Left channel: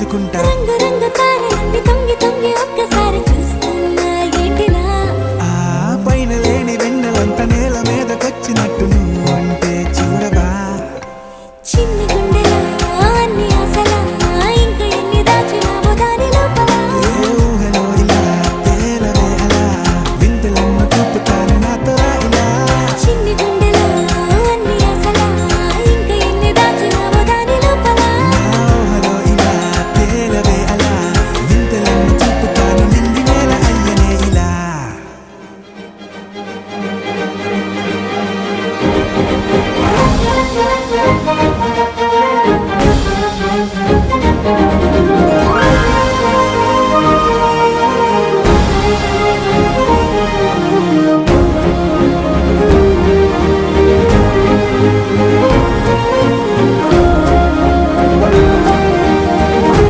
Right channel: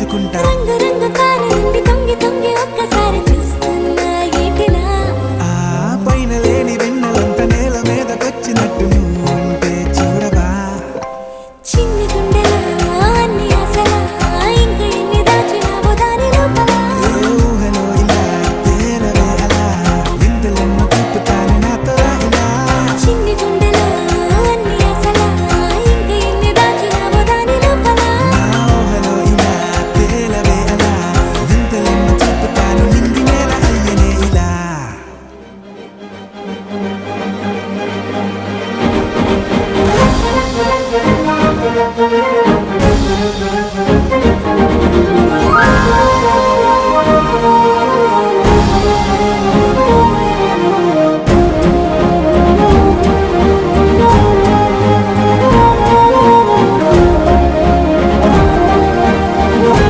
దాచుకుంటా రంగు రంగు తారలన్నీ తొంగి తొంగి ఒక్కసారి చూస్తున్నా ఏంటిలా ఆ పైన లేని వెన్నెలంత నేల మీదకొచ్చినట్టు నువ్వు